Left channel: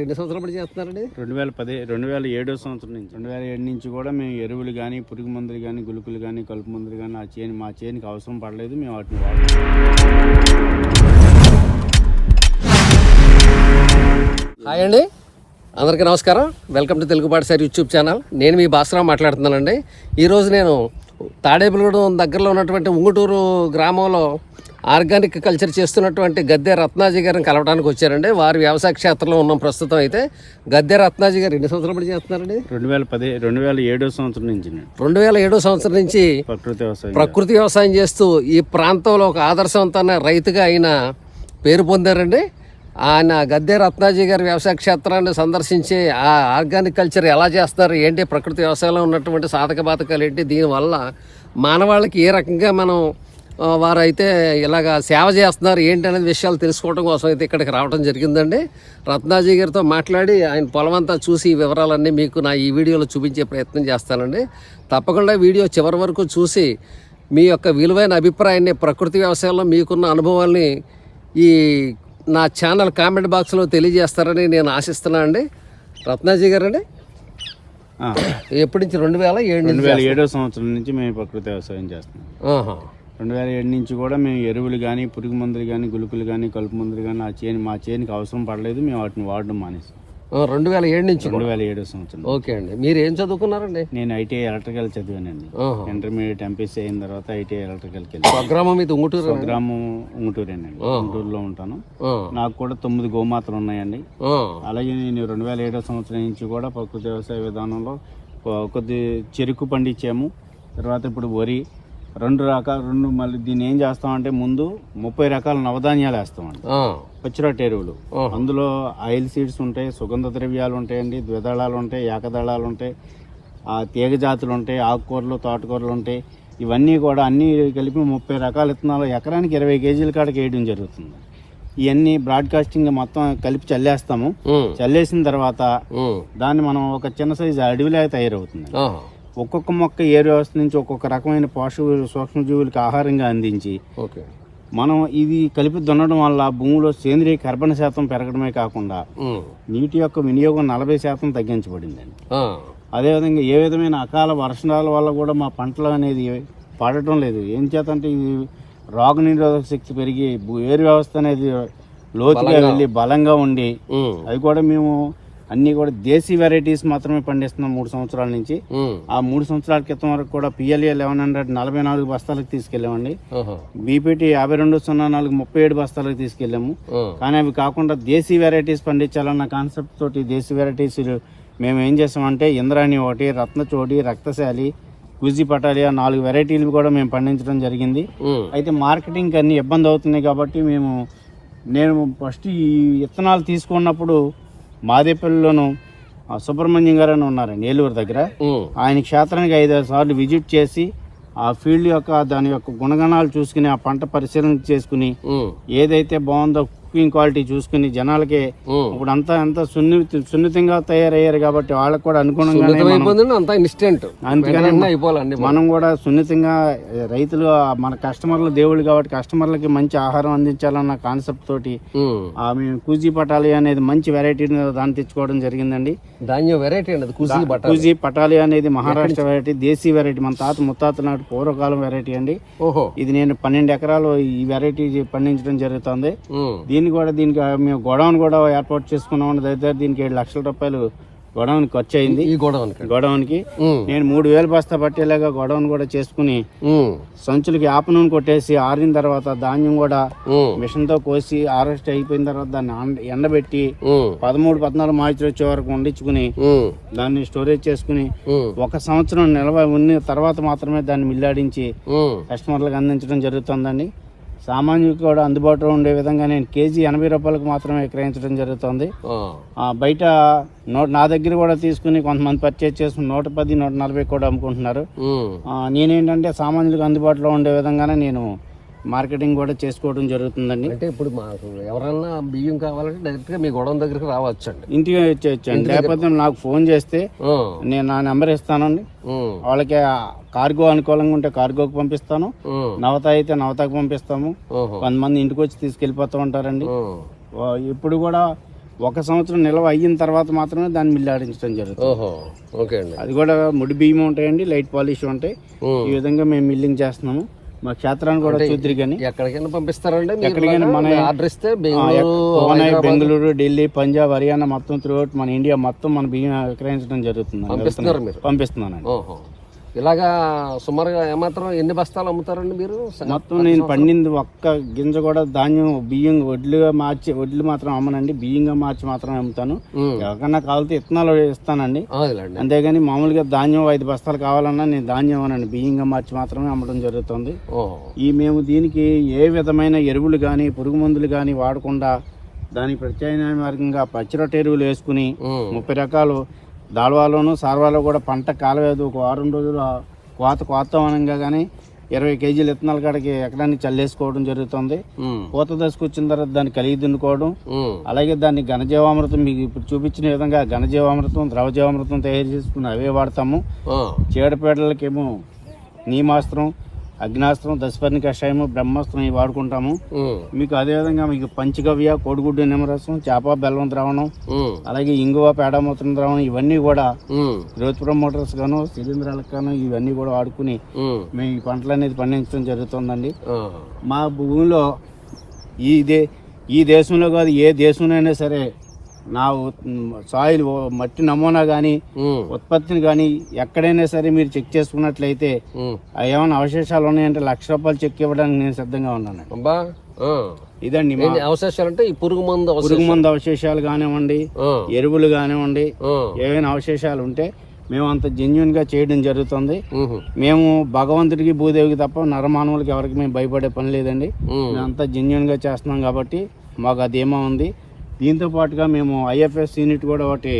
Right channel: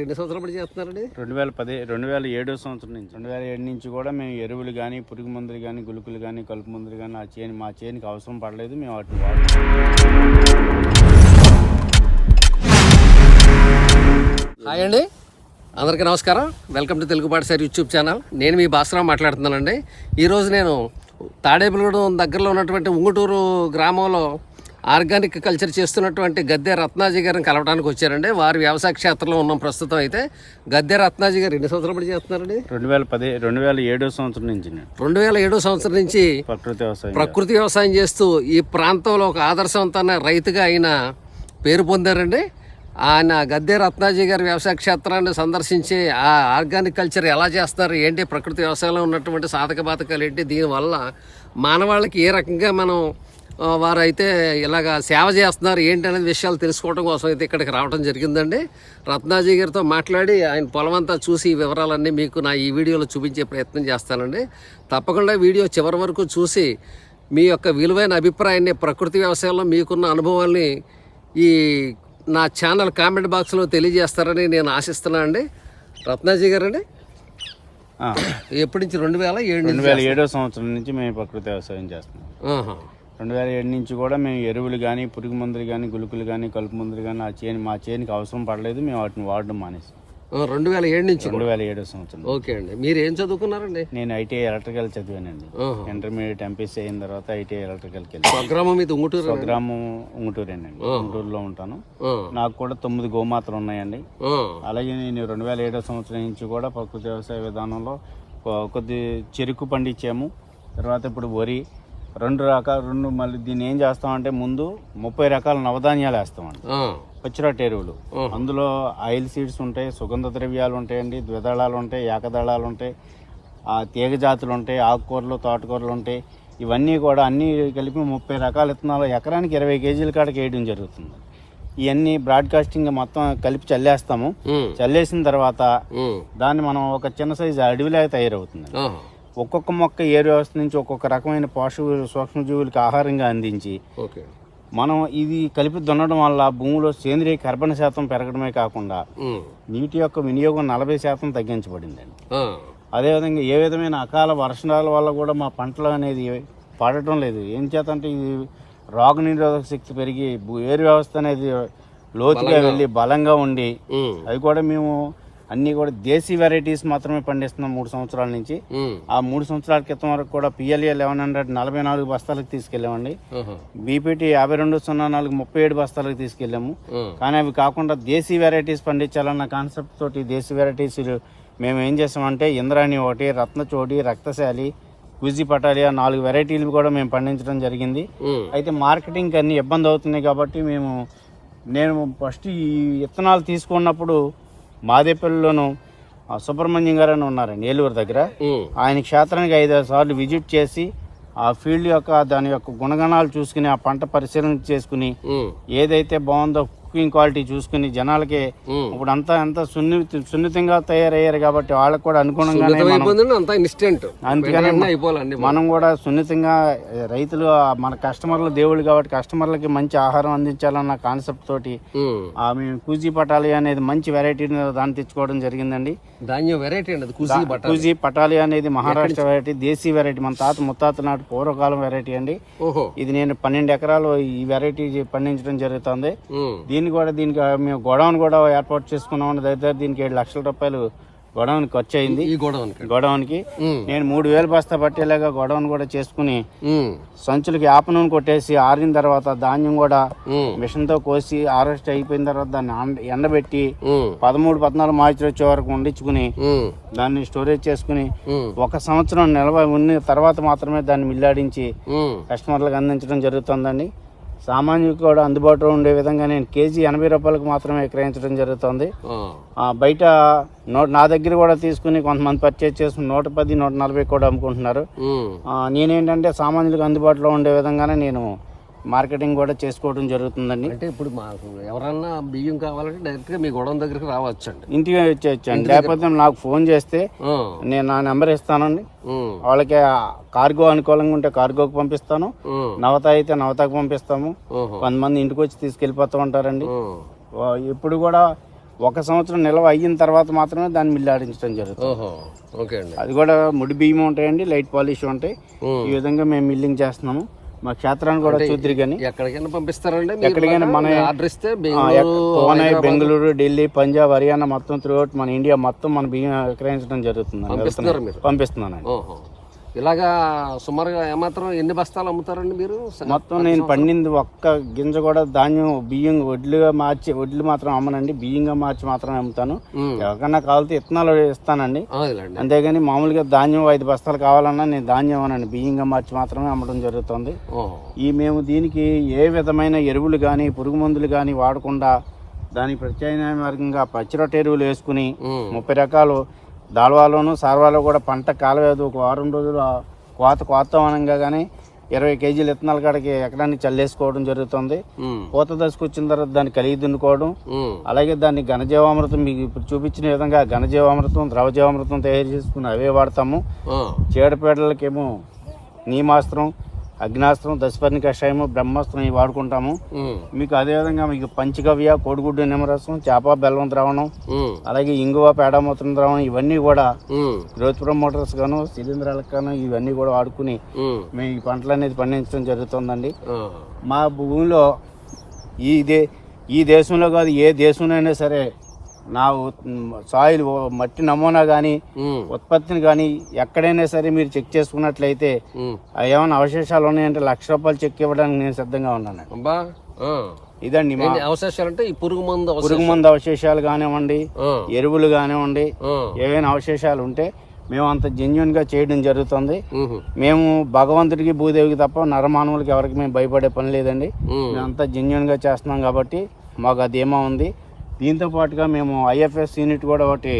రెండు సంవత్సరాలు పడి చేస్తున్నారండి? రెండు వేల పది రెండు వేల ఏడో సంవత్సరం నుంచి. రెండు వేల ఏడు నుంచి కూడా మేము ఎరువులు కానీ పురుగు మందులు కానీ గులుకులు కానీ కలుపు మందులు కానీ ఆ చేను మా చేనుకి అవసరం పడలేదు మేము వాటిని వాడుతున్నాం. హాయ్ అండి. అందరికీ నమస్కారం. వెల్కమ్ టు తెలుగు పాఠశాల యూట్యూబ్ ఛానల్. నేను మీ భాస్కరం మాట్లాడుతున్నానండి. ఈరోజు నేను తాడేపులగూడెం దగ్గరలో ఉన్నటువంటి ఉంగుటూరు గ్రామంలో ఆర్గానిక్ కల్చర్ చేస్తున్నటువంటి గద్దె రత్నాజీ గారిని కలవడానికి వచ్చారండి. వారి వ్యవసాయ క్షేత్రంలో ఉన్నాం ప్రస్తుతం అయితే. గద్దె రత్నాజీ గారు ఎన్ని సంవత్సరాలు పడి చేస్తున్నారండి? రెండు వేల పది రెండు వేల ఏడో సంవత్సరం నుంచి రెండు వేల ఏడో సంవత్సరం నుంచి ప్రకృతి వ్యవసాయం ప్రకృతి వ్యవసాయం చేస్తూ ఈ ప్రాంతంలో ఒక ఆదర్శవంతమైన రైతుగా ఆయన పేరు పొందారండి. ఆయన గద్దె రత్నాజీ గారి వ్యవసాయ క్షేత్రాన్ని సందర్శించి ఆ ఆర్గానిక్ కల్చర్ ఎలా చేస్తారు ఏంటి ప్రకృతి వ్యవసాయంలో ఉన్నటువంటి సాధక బాధకాలు ఏంటి దీనివల్ల మానవాళికి ఏ రకంగా మనం వారైతే ఇలాగా సేవ చేస్తున్నారు ఏంటి అనేది విషయాలు తెలుసుకోవడం కోసం అయితే ఇక్కడికి రావడం జరిగిందండి. రత్నాజీ గారితో మాట్లాడి ఆయన పొలం అంతా చూసి ఈ వివరాలన్నీ మీకు నా ఈ వీడియోలో చూపించే ప్రయత్నం చేస్తానండి. తప్పకుండా వీడియో చివరి వరకు చూసి మీ యొక్క విలువైన అభిప్రాయాన్ని ప్రకృతి వ్యవసాయంలో మీకున్న అనుభవాల్ని ఈ నా ఛానల్ కామెంట్ బాక్స్లో తెలియజేస్తారని నేను ఆశిస్తున్నాను అండి రత్నాజీ గారండి ఆ, ఎప్పటి నుంచి? రెండు వేల ఏడు రెండు వేల ఏడో సంవత్సరం నుంచి మేము ప్రకృతి వ్యవసాయం చేస్తున్నాం. రెండు వేల ఏడు నుంచి కూడా మేము ఎరువులు కానీ పురుగు మందులు కానీ గులుకులు కానీ కలుపు మందులు కానీ ఆ చేను మా చేనుకి అవసరం పడలేదు. మేము వాటిని వాడడం మానేసాం. రెండు వేల ఏడు నుంచి రెండు వేల ఏడో సంవత్సరం. ఓకే అండి. మీరు ఏం చదువుకున్నారండి? నేను ఐటీఐ ఎలక్ట్రికల్ చదివానండి. ఇంటర్మీడియట్ ఎంపీసీ అయిన తర్వాత ఐటీఐ ఎలక్ట్రికల్కి వెళ్ళి స్వగ్రామం ఇది ఉంగుటూరు గ్రామం ఉంగుటూరేనండి. ఉంగుటూరులో ఉంటాను. నాకు కూడా తొమ్మిది గోమాతలు ఉన్నాయండి. అలాగే నేను రెండు వేల ఏడో సంవత్సరం నుంచి కూడా ప్రకృతి వ్యవసాయ విధానంలో కొద్ది చెరుకు పండించాము. తర్వాత ఇప్పుడు వరి రెండు రకాల రెండు మళ్ళీ దీన్ని ఏం చేస్తామంటే ముందు ముప్పై రకాల నవధాన్యాలు వేస్తామండి పచ్చిరొట్ట ఎరువులు. అందులో ఆయిల్ సీడ్స్ ఉంటాయి సుగంధ ద్రవ్యాలు ఉంటాయండి ద్విదళాలు ఉంటాయి ఏకదళాలు ఉంటాయి ఆ తీగ జాతులు ఉంటాయి ఆకుకూరలు తోటకూరలు ఉంటాయి. ఇవన్నీ కూడా అన్నీ కలిపి ముప్పై రకాల విత్తనాలు ఎకరానికి ఇరవై కేజీల కాడకి వేయడం జరుగుతుంది. ఇవన్నీ బ్రాడ్కాస్టింగ్ మొత్తం కలిపి చల్లేస్తాము. చల్లేసిన తర్వాత దాన్ని మనం ఒక చిన్న సైజు అడవిలాగా తయారవుతుంది. ఒక్కొక్క మొక్క ఏ వ్యవస్థ నుంచి ఒక్కొక్క రకమైన పోషక సూక్ష్మజీవులకు ఆహారంగా అందించి ఓకే. మనం ఇది కలిపి దున్నడం వల్ల భూమిలో సేంద్రియ కర్బన శాతం పెరగడమే కాకుండా నీటి యొక్క వినియోగం నలభై శాతం తగ్గించబడిందండి. ఆ, అదేవిధంగా ఏ విధమైన అకాల వర్షాల వల్ల కూడా మా పంటలు అనేది పడటం లేదు. ఏం చేతంటే ఈ రోగ నిరోధక శక్తి పెరిగి ఏరు వ్యవస్థ అనేది లోతుగా వెళ్ళి బలంగా ఉండి అది కూడా మేము అన్ని కూడా దేశీ వెరైటీస్ మాత్రమే పండిస్తున్నాం మూడు సంవత్సరాల నుంచి. ఆ మూడు సంవత్సరాల క్రితం వరకు కూడా పిఎల్ఏ లెవెన్ హండ్రెడ్ నలభై నాలుగు బస్తాలకు తీసుకెళ్ళామండి. ఆహా. బీపీటీ యాభై రెండు సున్నా నాలుగు ముప్పై ఏడు బస్తాలకు తీసుకెళ్ళాము. ఆ, కానీ అవి కాకుండా దేశీ వెరైటీస్ పండించాలన్న కాన్సెప్ట్ తోటి దేశీ వెరైటీస్ మేము ఏం చేసామంటే ఇంద్రాణి ఒకటి రత్నచోడి రక్తశాలి కుజి పటాలియా నాలుగు వెరైటీలు కూడా మేము పండించడం జరిగింది. అయితే మార్కెటింగ్ అన్ని ఇబ్బంది అవుతున్నాయి కాబట్టి మేము నేను ఫస్ట్ ఈ విత్తనాలు తీసుకున్నప్పుడు మాదేపల్లిలోను సుబ్రహ్మణ్యం గారు అని ఉన్నారండి ఏలూరు దగ్గర ఆయన క్షేత్రానికి ఐదారు సార్లు విజిట్ చేసి ఆ ఫీల్డ్ యొక్క దాని యొక్క గుణగణాలు చూసుకుని ఆ పంట పరిశీలన చేసుకుని ఏదైతే బాగుందో కుకింగ్ క్వాలిటీ చూసుకుని జనాలకి. ఇప్పుడు అంతా అంతా సున్నిత సున్నితంగా తయారయ్యారు కాబట్టి వాళ్ళకి కూడా అనుగుణంగానే మనం- ఇన్స్టెంట్ కూడా సున్నితంగా రైతులు మన కస్టమర్లు దేవుళ్ళు కాబట్టి కస్టమర్లకి మంచి ఆహారం అందించాలన్న కాన్సెప్ట్ తోటి కూజీ పటాలి అనేది మంచి వెరైటీని దాన్ని తెచ్చుకోవడం జరిగిందండి. ధాన్యం వెరైటీ కూజీ పటాలి. అనేది మహారాష్ట్ర వెరైటీ దేశీ వెరైటీ మన తాత ముత్తాత నాటి పూర్వకాలం వెరైటీ అండి. ఇది నేను పన్నెండు ఎకరాలు ఈ వెరైటీ పండించడం జరుగుతుంది. దీన్ని కూడా దీనికి మేము గొడవన్ కూడా ఏర్పాటు చేసుకున్నాం దగ్గర దీనికి ఏడు లక్షల రూపాయలు గొడవన్ ఖర్చు అయింది ఈ గొడవనికి గొడవన్కి నేను మూడు వేలు బస్తా పట్టేలాగా గొడవన్ కూడా చేసుకుని సంచులకి యాప నూనె కొట్టేసి ఆరిన తర్వాత ధాన్యం కూడా ఉమ్, మిషన్తో కోసి హార్వెస్ట్ అయిపోయిన తర్వాత దాన్ని ఎండ- ఎండబెట్టి పదమూడు పద్నాలుగు మార్చి వచ్చే వరకు వండించుకుని దాన్ని స్టోరేజ్ చేసుకుని ఒక సంవత్సరం నిల్వ ఉన్న తర్వాత మాత్రమే దాన్ని మిల్లాడించి కస్టమర్లకు అందించడం జరుగుతుందండి. సామాన్యులకు కూడా అందుబాటులో ఉండే విధంగా నేను కేజీ ఎనభై రూపాయలకు మాత్రమే విక్రయించడం జరుగుతుంది. బయట నా దగ్గర కూడా తీసుకుని కొంతమంది పర్చేజ్ చేసుకుని నూట పది నూట నలభై కూడా అమ్ముకుంటున్నారు. నేనేంటంటే సామాన్యులకు అందుబాటులో ఉండే విధంగానే నేను మార్కెటింగ్ కూడా చేసుకోవడం జరుగుతుందండి. అంటే ఇప్పుడు మాకు ఎవరన్నా బియ్యం కావాలంటే డైరెక్ట్గా మీ గొడవ దగ్గరికి రావచ్చండి. ఇంటికి వచ్చేయచ్చు లేకపోతే నాకు ఫోన్ చేస్తే నేను నా నెంబర్ ఇస్తానండి. వాళ్ళకి కార్గో అనుకూలంగా ఉంటే కార్గోకి పంపిస్తాను. నవత అయితే నవతకు పంపిస్తాము. కొంతమంది ఇంటికి వచ్చి తీసుకెళ్ళిపోతూ ఉంటారండి. ఇప్పుడు కూడా ఒక సంవత్సరం నిల్వ అయిన తర్వాత మాత్రమే దాన్ని మిల్లు ఆడించడం జరుగుతుంది. అండి. అది కూడా ముడి బియ్యం ఉంటాయండి లైట్ పాలిష్ ఉంటాయి. ఈ విధంగా మేము మిల్లింగ్ చేస్తున్నాము. మా క్షేత్రాన్ని కూడా చూద్దరు కానీ ఎక్కడికైనా పంపిస్తారండి ఎక్కడికైనా మన- ఆర్డర్ ఇస్తే బెంగళూరు బెంగళూరు ఢిల్లీ పంజాబ్ హర్యానా మొత్తం త్రూఅవుట్ మన ఇండియా మొత్తం మన బియ్యం విక్రయించడం జరుగుతుంది పంపిస్తున్నారు మీరు? పంపిస్తున్నానండి. ఓహో. ఇలాగా సుమారుగా ఏమాత్రం ఎన్ని బస్తాలు అమ్ముతారండి మీరు? మొత్తం నేను పండింది ఒక్క గింజ కూడా ధాన్యం బియ్యం వడ్లుగా మార్చి వడ్లు మాత్రం అమ్మనండి. బియ్యంగా మార్చి మాత్రమే అమ్ముతాను. ఎవరికన్నా కావాలితే ఇత్తనాలు ఇస్తానండి. అంతేగాని మామూలుగా ధాన్యం ఐదు బస్తాలు కావాలన్నా నేను ధాన్యం అనండి. బియ్యంగా మార్చి మాత్రమే అమ్మడం జరుగుతుంది. ఈ మేము దీనికి ఏ విధమైన ఎరువులు కానీ పురుగు మందులు కానీ వాడకుండా దానికి ప్రత్యామ్నాయ మార్గంగా పచ్చిరొట్ట ఎరువులు వేసుకుని. ముప్పై రకాలు దాల్వాలోను సార్వాలో కూడా పంట కాలవేదు ఒక వారం రోజులు కోత కోత అనంగా కానీ ఇరవై కేజీలు ఇత్తనాల కాడికి ఎకరాన్ని చల్లేసుకోవడం జరుగుతుంది. పూత దశకు వచ్చిన తర్వాత దాన్ని కలిగి దున్నుకోవడం. అలాగే దాన్ని ఘనజీవామృతం మీకు ఇప్పుడు చూపించిన విధంగా ఘనజీవామృతం ద్రవజీవామృతం తయారు చేసుకుని అవే వాడతాము. చీడపీడలకేమో నీమాస్త్రం అగ్నాస్త్రం దశపర్ణి కషాయము బ్రహ్మాస్త్రం ఇవి వాడుకుంటాము. మీకు అదేవిధంగా మీకు పంచగవ్య కోడిగుడ్డు నిమ్మరసం చేప బెల్లం ద్రావణం. అలాగే ఇంగువ పేడమూత్రం ద్రావణం ఇవన్నీ కూడా. గ్రోత్ ప్రమోటర్స్ గాను శిలీంధ్రాలకు గాను ఇవన్నీ కూడా వాడుకుని. మేము ఈ పంటలు అనేది పండించడం జరుగుతుందండి. మా భూమిలో ఈ దే ఈ దేశంలో కాదు ఏ దేశంలో అయినా సరే నా సాయిల్ మట్టి నమూనా కానీ. ఉత్పత్తిని కానీ ఎక్కడైనా సరే మీరు చెక్ చేసుకున్నట్లయితే ఏమైనా అవశేషాలు ఉన్నాయంటే లక్ష రూపాయలు చెక్ ఇవ్వడానికి నేను సిద్ధంగా ఉన్నాను అబ్బా. ఇదండి అవశేషాలు అంటే ఈ పురుగు మందు పురుగు మందు అవశేషాలు కానివ్వండి. ఎరువులు కానివ్వండి. ఏవైనా అవశేషాలు ఉంటే మేము అంత జెన్యున్గా చేయడం జరుగుతుంది. మేము భగవంతుడికి భూదేవికి తప్ప నరమానవులకి ఎవరికి మేము భయపడే పని లేదండి. మేము అంతా జెన్యున్గా చేస్తున్నాం కాబట్టి మాకు అది ఏమో ఉంది దీంతో పాటుగా మేము ఐఎఫ్ఎస్ యూనిట్ కూడా ఒకటి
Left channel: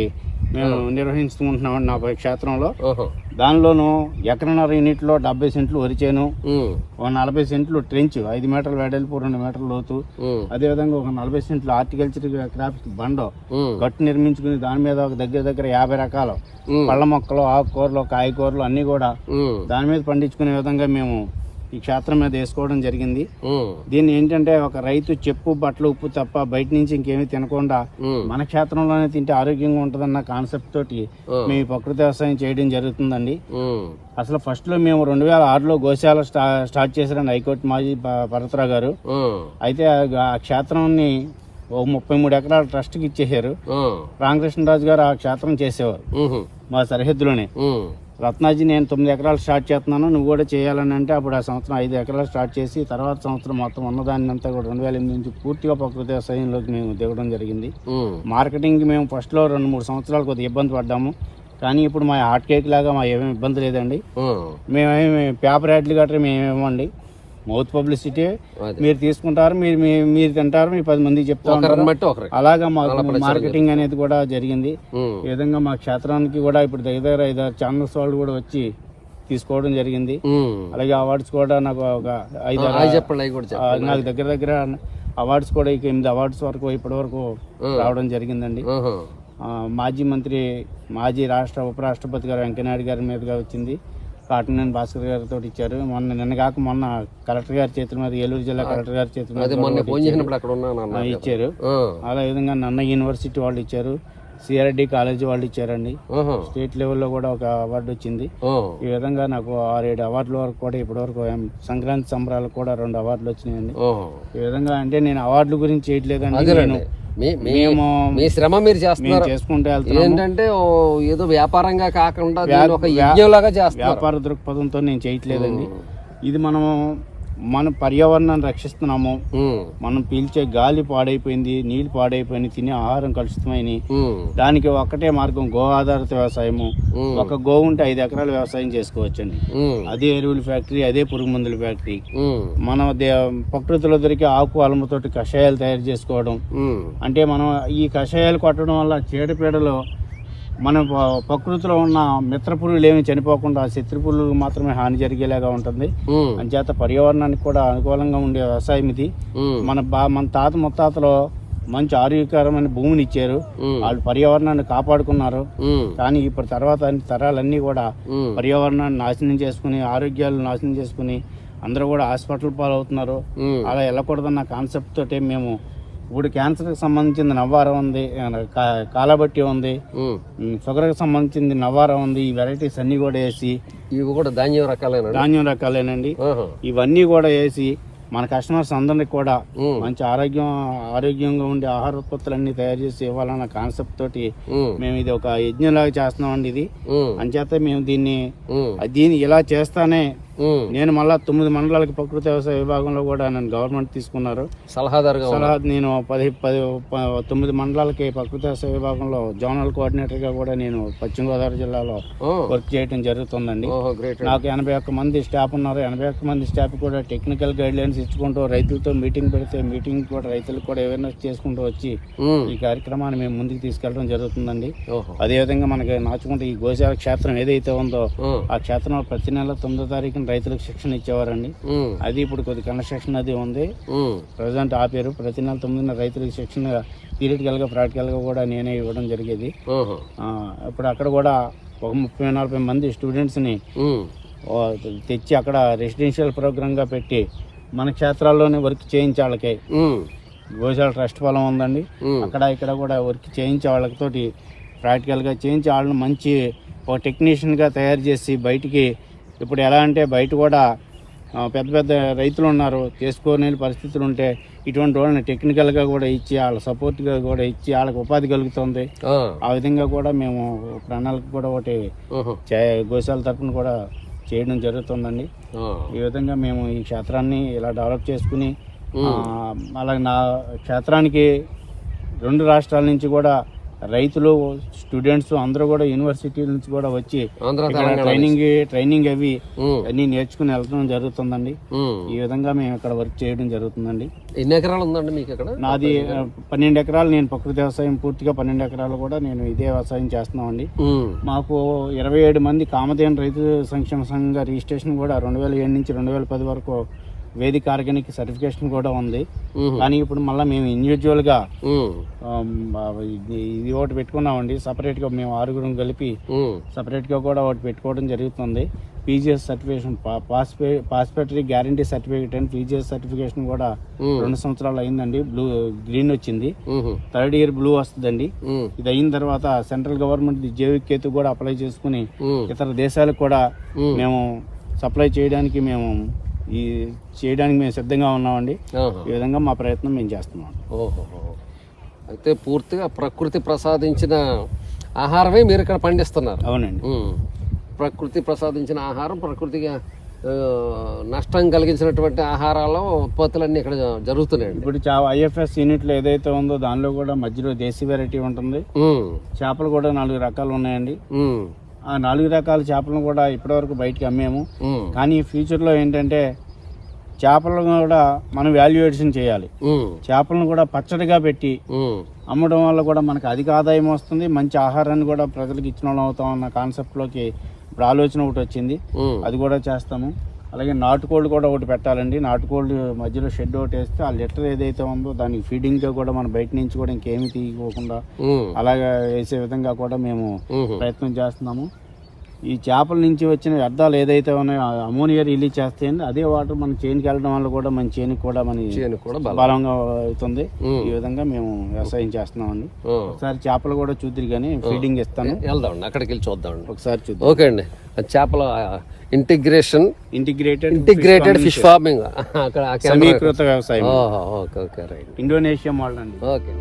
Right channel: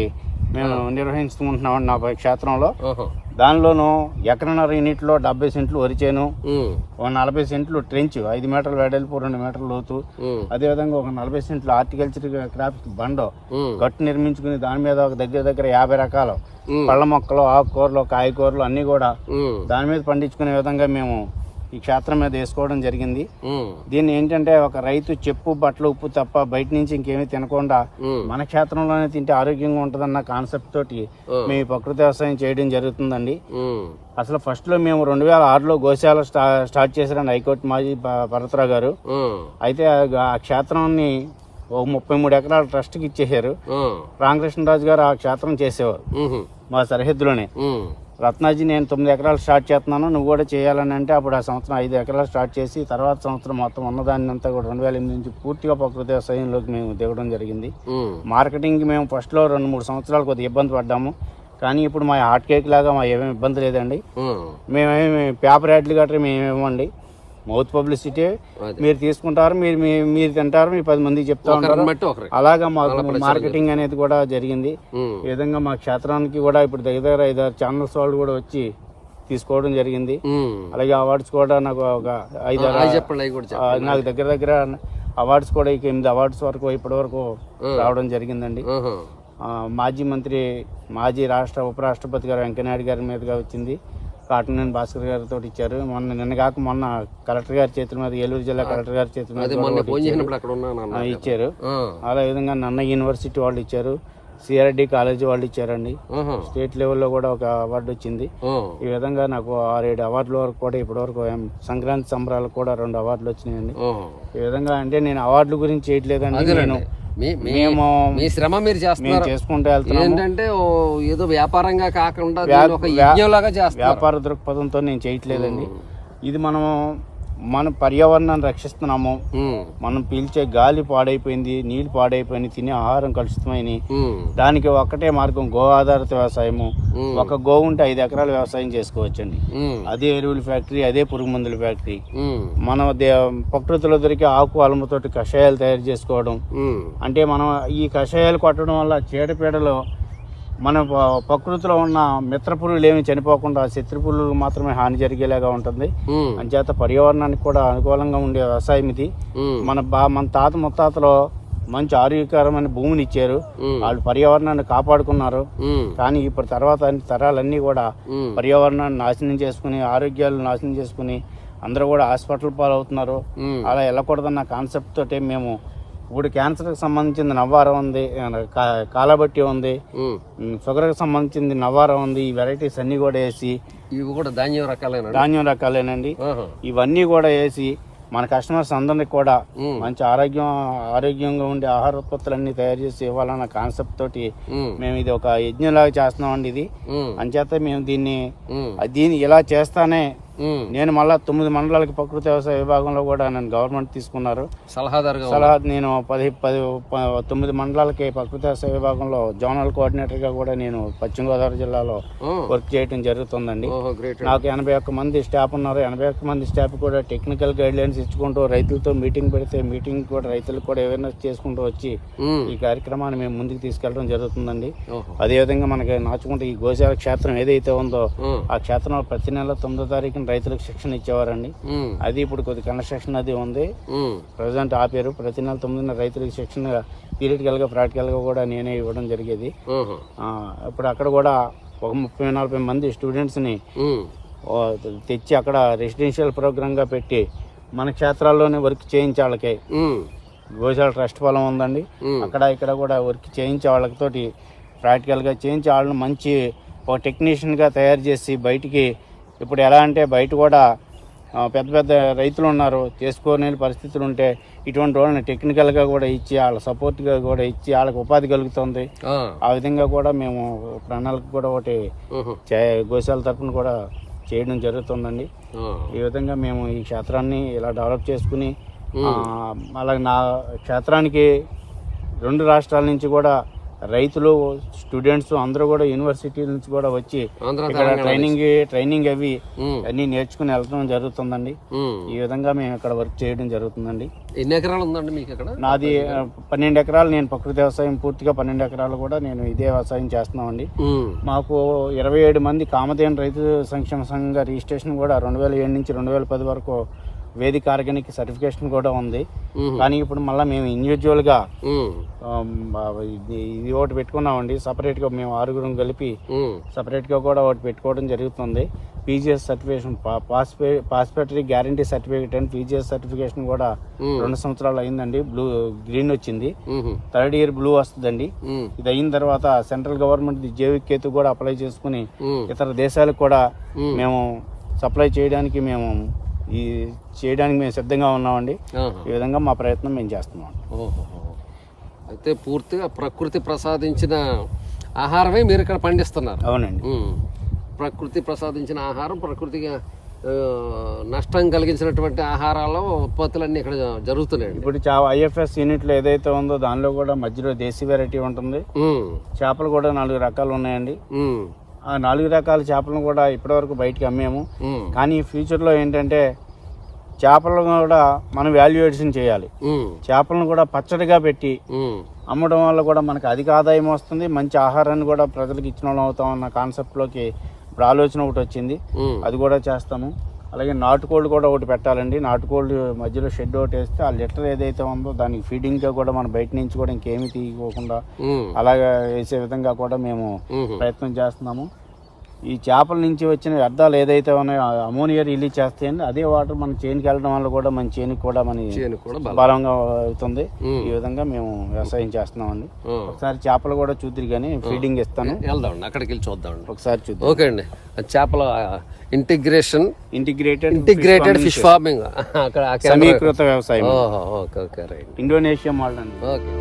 మేము నిర్వహించుకుంటున్నాం నా క్షేత్రంలో. దానిలోనూ ఎకరన్నర యూనిట్లో డెబ్బై సెంట్లు వరిచేను. ఒక నలభై సెంట్లు ట్రెంచ్ ఐదు మీటర్ల వెడల్పు రెండు మీటర్ల లోతు ఉమ్. అదేవిధంగా ఒక నలభై సెంట్లు హార్టికల్చర్ క్రాప్స్ బండ. గట్టు నిర్మించుకుని దాని మీద ఒక దగ్గర దగ్గర యాభై రకాలు. పళ్ళ మొక్కలు ఆకుకూరలు కాయకూరలు అన్నీ కూడా. దాని మీద పండించుకునే విధంగా మేము ఈ క్షేత్రం మీద వేసుకోవడం జరిగింది. దీన్ని ఏంటంటే ఒక రైతు చెప్పు బట్టలు ఉప్పు తప్ప బయట నుంచి ఇంకేమీ తినకుండా. మన క్షేత్రంలోనే తింటే ఆరోగ్యంగా ఉంటుందన్న కాన్సెప్ట్ తోటి. మేము ప్రకృతి వ్యవసాయం చేయడం జరుగుతుందండి. అసలు ఫస్ట్లో మేము రెండు వేల ఆరులో గోశాల స్టా స్టార్ట్ చేశారండి హైకోర్టు మాజీ భరత్రావు గారు. అయితే ఆ- క్షేత్రాన్ని ఒక ముప్పై మూడు ఎకరాల ట్రస్ట్కి ఇచ్చేసారు ఉమ్. రామకృష్ణరాజు గారు ఆ క్షేత్రం చేసేవారు. మా సరిహద్దులోనే. రత్నాజీ నేను తొమ్మిది ఎకరాలు స్టార్ట్ చేస్తున్నాను. నువ్వు కూడా చేయాలని అంటే అప్పుడు ఆ సంవత్సరం ఐదు ఎకరాలు స్టార్ట్ చేసి తర్వాత సంవత్సరం మొత్తం ఉన్నదాన్ని అంతా కూడా రెండు వేల ఎనిమిది నుంచి పూర్తిగా ప్రకృతి వ్యవసాయంలోకి మేము దిగడం జరిగింది. ఉమ్. మార్కెటింగ్కి మేము ఫస్ట్లో రెండు మూడు సంవత్సరాలు కొద్దిగా ఇబ్బంది పడ్డాము. కానీ ఇప్పుడు మా హాట్ కేక్ లాగా మా ఏమేమి ఇబ్బంది లేదండి. మేమేమి పేపర్ యాడ్లు గట్రా మేము ఇవ్వండి మౌత్ పబ్లిసిటీ. మీరు తీసుకుంటారు మీరు మీరు తింటారు మీ పది మందికి చెప్తా ఉంటారు. ఒకరిని బట్టి ఒకరికి. అలాగా మాకు మార్కెటింగ్ అనేది కూడా జరిగింది. ఈ విధంగా మా క్షేత్రానికి కూడా ఇప్పుడు దగ్గర దగ్గర ఐదారు ఛానల్స్ వాళ్ళు కూడా వచ్చి తీసుకోవడం జరిగింది. అలాగే అవార్డ్స్ కూడా నాకు ఒక ఐదు నాకు దగ్గర దగ్గర అవార్డ్స్ కూడా ఇక ఎనిమిది అవార్డ్స్ వరకు ఇప్పటి వరకు రావడం జరిగిందండి. మాజీ మంత్రి మాజీ రాష్ట్ర ఉపరాష్ట్రపతి గారు వెంకయ్యనాయుడు గారి మీదుగా వచ్చింది. కాటనేని భాస్కర్ గారితో ఇచ్చారు. మొన్న నిన్న కాక మొన్న కలెక్టర్ గారి చేతుల మీద ఏలూరు జిల్లా కలెక్టర్ గారి చేతుల మీద ఇచ్చారు. అదే విధంగా నన్న యూనివర్సిటీ వాళ్ళు ఇచ్చారు. సిఆర్డి కాలేజీ వాళ్ళు ఇచ్చారండి. స్టేట్ లెవెల్లో కూడా ఒక అవార్డు వచ్చింది. ఈ విధంగా నాకు ఆరేడు అవార్డుల వరకు కూడా ఇప్పటివరకు ఏం సంక్రాంతి సంబరాలకు కూడా రెండు అవార్డులు వచ్చినాయండి. ఈ విధంగా అంటే నేను అవార్డుల గురించి చేయట్లేదండి మీ మేము మీ శ్రమ మీరు చేస్తున్నారు. చేసుకుంటూ ఏంటంటే ఏదో వ్యాపారంగా కాకుండా ఒక యజ్ఞంలాగా చేస్తున్నారు. వ్యాపార దృక్పథంతో నేను చేయట్లేదండి. ఇది మనం మన పర్యావరణాన్ని రక్షిస్తున్నాము. మనం పీల్చే గాలి పాడైపోయింది నీళ్ళు పాడైపోయింది తినే ఆహారం కలుషితమైనవి ఉమ్. దానికి ఒక్కటే మార్గం గో ఆధారిత వ్యవసాయము. ఒక గో ఉంటే ఐదు ఎకరాల వ్యవసాయం చేసుకోవచ్చండి. అదే ఎరువుల ఫ్యాక్టరీ అదే పురుగు మందుల ఫ్యాక్టరీ. మన ప్రకృతిలో దొరికే ఆకు అలముతోటి కషాయాలు తయారు చేసుకోవడం. అంటే మనం ఈ కషాయాలు కొట్టడం వల్ల చీడపీడలు మన ప్రకృతిలో ఉన్న మిత్ర పురుగులు ఏమి చనిపోకుండా శత్రు పురుగులు మాత్రమే హాని జరిగేలాగా ఉంటుంది. అంచేత పర్యావరణానికి కూడా అనుకూలంగా ఉండే వ్యవసాయం ఇది. మన బా మన తాత ముత్తాతలో మంచి ఆరోగ్యకరమైన భూమిని ఇచ్చారు. వాళ్ళు పర్యావరణాన్ని కాపాడుకున్నారు. కానీ ఇప్పుడు తర్వాత అన్ని తరాలన్నీ కూడా. పర్యావరణాన్ని నాశనం చేసుకుని ఆరోగ్యాలు నాశనం చేసుకుని అందరూ కూడా హాస్పిటల్ పాలవుతున్నారు. అలా వెళ్ళకూడదన్న కాన్సెప్ట్ తోటి మేము ఇప్పుడు క్యాన్సర్కి సంబంధించిన నవ్వారం ఉంది కా- కాలబట్టి ఉంది. ఉమ్, షుగర్కి సంబంధించింది నవ్వారం ఉంది ఈ వెరైటీస్ అన్నీ కూడా వేసి ఇవి కూడా ధాన్యం రకాలేనండి ధాన్యం రకాలేనండి. ఇవన్నీ కూడా వేసి మన కస్టమర్స్ అందరికి కూడా. మంచి ఆరోగ్యం ఆరోగ్యంగా ఉండే ఆహార ఉత్పత్తులన్నీ తయారు చేసి ఇవ్వాలన్న కాన్సెప్ట్ తోటి. మేము ఇది ఒక యజ్ఞంలాగా చేస్తున్నామండి ఇది ఉమ్. అంచేత మేము దీన్ని. దీన్ని ఇలా చేస్తానే. నేను మళ్ళా తొమ్మిది మండలాలకి ప్రకృతి వ్యవసాయ విభాగంలో కూడా నన్ను గవర్నమెంట్ తీసుకున్నారు సలహాదారుగా. సలహా నేను పది పది తొమ్మిది మండలాలకి ప్రకృతి వ్యవసాయ విభాగంలో జోనల్ కోఆర్డినేటర్గా కూడా నేను పశ్చిమ గోదావరి జిల్లాలో. వర్క్ చేయడం జరుగుతుందండి నాకు ఎనభై ఒక్క మంది స్టాఫ్ ఉన్నారు ఎనభై ఒక్క మంది స్టాఫ్ కూడా టెక్నికల్ గైడ్ లైన్స్ ఇచ్చుకుంటూ రైతులతో మీటింగ్ పెడితే మీటింగ్ కూడా రైతులకు కూడా అవేర్నెస్ చేసుకుంటూ వచ్చి. ఈ కార్యక్రమాన్ని మేము ముందుకు తీసుకెళ్ళడం జరుగుతుందండి అదేవిధంగా మనకి నాచుకుంటే ఈ గోశాల క్షేత్రం ఏదైతే ఉందో. ఆ క్షేత్రంలో ప్రతి నెల తొమ్మిదో తారీఖున రైతులకు శిక్షణ ఇచ్చేవారండి. అది ఇప్పుడు కొద్ది కన్స్ట్రక్షన్ అది ఉంది. ప్రజెంట్ ఆపారు ప్రతి నెల తొమ్మిదిన రైతులకు శిక్షణ థియరిటికల్గా ప్రాక్టికల్గా కూడా నేనే ఇవ్వడం జరిగేది ఇప్పుడు అక్కడ కూడా ఒక ముప్పై నలభై మంది స్టూడెంట్స్ని ఉమ్. ఓ, తెచ్చి అక్కడ రెసిడెన్షియల్ ప్రోగ్రామ్గా పెట్టి మన క్షేత్రాల్లోనే వర్క్ చేయించే వాళ్ళకి. గోశాల ట్రస్ట్ పొలం ఉందండి. అక్కడ ఇక్కడ కూడా వర్క్ చేయించే వాళ్ళతోటి ప్రాక్టికల్గా చేయించి వాళ్ళని మంచి ఒక టెక్నీషియన్గా తయారు చేసి బయటికి ఇప్పుడు ఎలా అంటే బయట కూడా పెద్ద పెద్ద రైతులు ఉన్నారు. చేసుకోలేని పరిస్థితులు ఉంటే ఇటువంటి వాళ్ళని టెక్నికల్గా కూడా ఇచ్చి వాళ్ళ సపోర్ట్గా కూడా ఇచ్చి వాళ్ళకి ఉపాధి కలుగుతుంది. ఆ. విధంగా కూడా మేము ప్రణాళిక కూడా ఒకటి గోశాల తరపున కూడా చేయడం జరుగుతుందండి. ఈ విధంగా మేము ఈ క్షేత్రాన్ని ఇలా డెవలప్ చేసుకుని అలాగే నా క్షేత్రానికి రెండు రాష్ట్రాల నుంచి కూడా రైతులు స్టూడెంట్స్ అందరూ కూడా యూనివర్సిటీ నుంచి కూడా వచ్చి ట్రైనింగ్ ట్రైనింగ్ అవి. అన్ని నేర్చుకుని వెళ్ళడం జరుగుతుందండి. ఈ విధంగా మేము ఇక్కడ వర్క్ చేయడం జరుగుతుందండి ఎన్ని ఎకరాలు ఉందండి మీకు ఇక్కడ నాది పన్నెండు ఎకరాలు నేను ప్రకృతి వ్యవసాయం పూర్తిగా పన్నెండు ఎకరాలు కూడా నేను ఇదే వ్యవసాయం చేస్తున్నామండి. మాకు ఇరవై ఏడు మంది కామధేను రైతు సంక్షేమ సంఘంగా రిజిస్ట్రేషన్ కూడా రెండు వేల ఏడు నుంచి రెండు వేల పది వరకు వేదిక ఆర్గానిక్ సర్టిఫికేషన్ కూడా ఉంది. కానీ ఇప్పుడు మళ్ళీ మేము ఇండివిజువల్గా ఉమ్. ఇది ఒకటి పెట్టుకున్నామండి సపరేట్గా మేము ఆరుగురం కలిపి ఉమ్. సపరేట్గా కూడా ఒకటి పెట్టుకోవడం జరుగుతుంది పీజీఎస్ సర్టిఫికేషన్ పాస్పే పాస్పేటరీ గ్యారంటీ సర్టిఫికేట్ అని పీజీఎస్ సర్టిఫికేషన్ కూడా. రెండు సంవత్సరాలు అయిందండి బ్లూ గ్రీన్ వచ్చింది. థర్డ్ ఇయర్ బ్లూ వస్తుందండి. ఇది అయిన తర్వాత సెంట్రల్ గవర్నమెంట్ జైవిక్ కేతు కూడా అప్లై చేసుకుని. ఇతర దేశాలకు కూడా. మేము సప్లై చేయడానికి మేము ఈ చేయడానికి మేము సిద్ధంగా ఉన్నామండి. ఈ విధంగా మా ప్రయత్నం మేము చేస్తున్నాం ఓహో అయితే పూర్తిగా ప్రకృతి ప్రసాదించిన ఆహారమే మీరు ఇక్కడ పండిస్తున్నారు అవునండి. ప్రకృతి ప్రసాదించిన ఆహారం ప్రకృతిగా నష్టం కలిగించినటువంటి ఆహారాలు ఉత్పత్తులన్నీ ఇక్కడ జరుగుతున్నాయండి ఇప్పుడు ఐఎఫ్ఎస్ యూనిట్లో ఏదైతే ఉందో దానిలో కూడా మధ్యలో దేశీ వెరైటీ ఉంటుంది. చేపలు కూడా నాలుగు రకాలు ఉన్నాయండి. ఆ నాలుగు రకాల చేపలను కూడా ఇప్పటివరకు బయటికి అమ్మాము. కానీ ఫ్యూచర్లో ఏంటంటే చేపలను కూడా మనం వాల్యుయేషన్ చేయాలి. చేపలను కూడా పచ్చడిగా పెట్టి. అమ్మడం వల్ల కూడా మనకు అధిక ఆదాయం వస్తుంది మంచి ఆహారాన్ని కూడా ప్రజలకు ఇచ్చిన వాళ్ళం అవుతాం అన్న కాన్సెప్ట్లోకి ఇప్పుడు ఆలోచన ఒకటి వచ్చింది. అది కూడా చేస్తాము అలాగే నాటుకోళ్ళు కూడా ఒకటి పెట్టాలండి. నాటుకోళ్ళు మధ్యలో షెడ్ ఒకటి వేస్తే ఆ లిటర్ ఏదైతే ఉందో దానికి ఫీడింగ్గా కూడా మనం బయట నుంచి కూడా ఇంకేమీ తీయకోకుండా. అలాగే వేసే విధంగా కూడా మేము. ప్రయత్నం చేస్తున్నాము. ఈ చేపల నుంచి వచ్చిన వ్యర్థాలు ఏదైతే ఉన్నాయో అమోనియా రిలీజ్ చేస్తాయండి అదే వాటర్ మన చేనుకి వెళ్ళడం వల్ల కూడా మన చేనుకి కూడా మన బలంగా అవుతుంది. ఈ విధంగా మేము వ్యవసాయం చేస్తున్నామండి. ఆ. ఒకసారి చేపలు కూడా చూద్దరు కానీ ఫీడింగ్ ఇస్తాను. వెళ్దామండి అక్కడికి వెళ్ళి చూద్దామండి. ఒకసారి చూద్దాం. ఓకే అండి. చేపల integration integrated integrated fish farming అక్కడ సమీకృత వ్యవసాయం. Okay okay right. Indonesia model okay.